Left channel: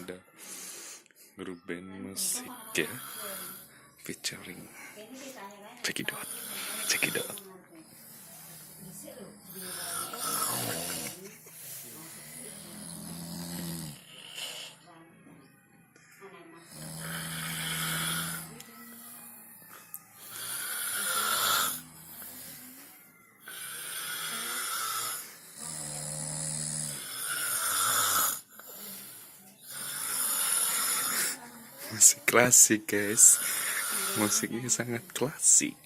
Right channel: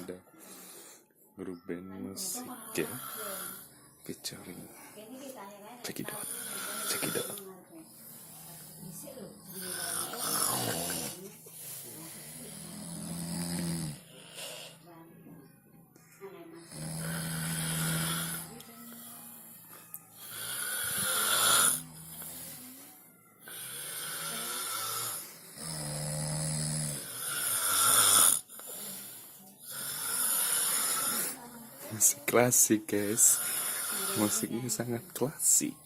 ada grup band musik ya, featuring Cekidot. Musik klasik guys, musiknya sangat klasik.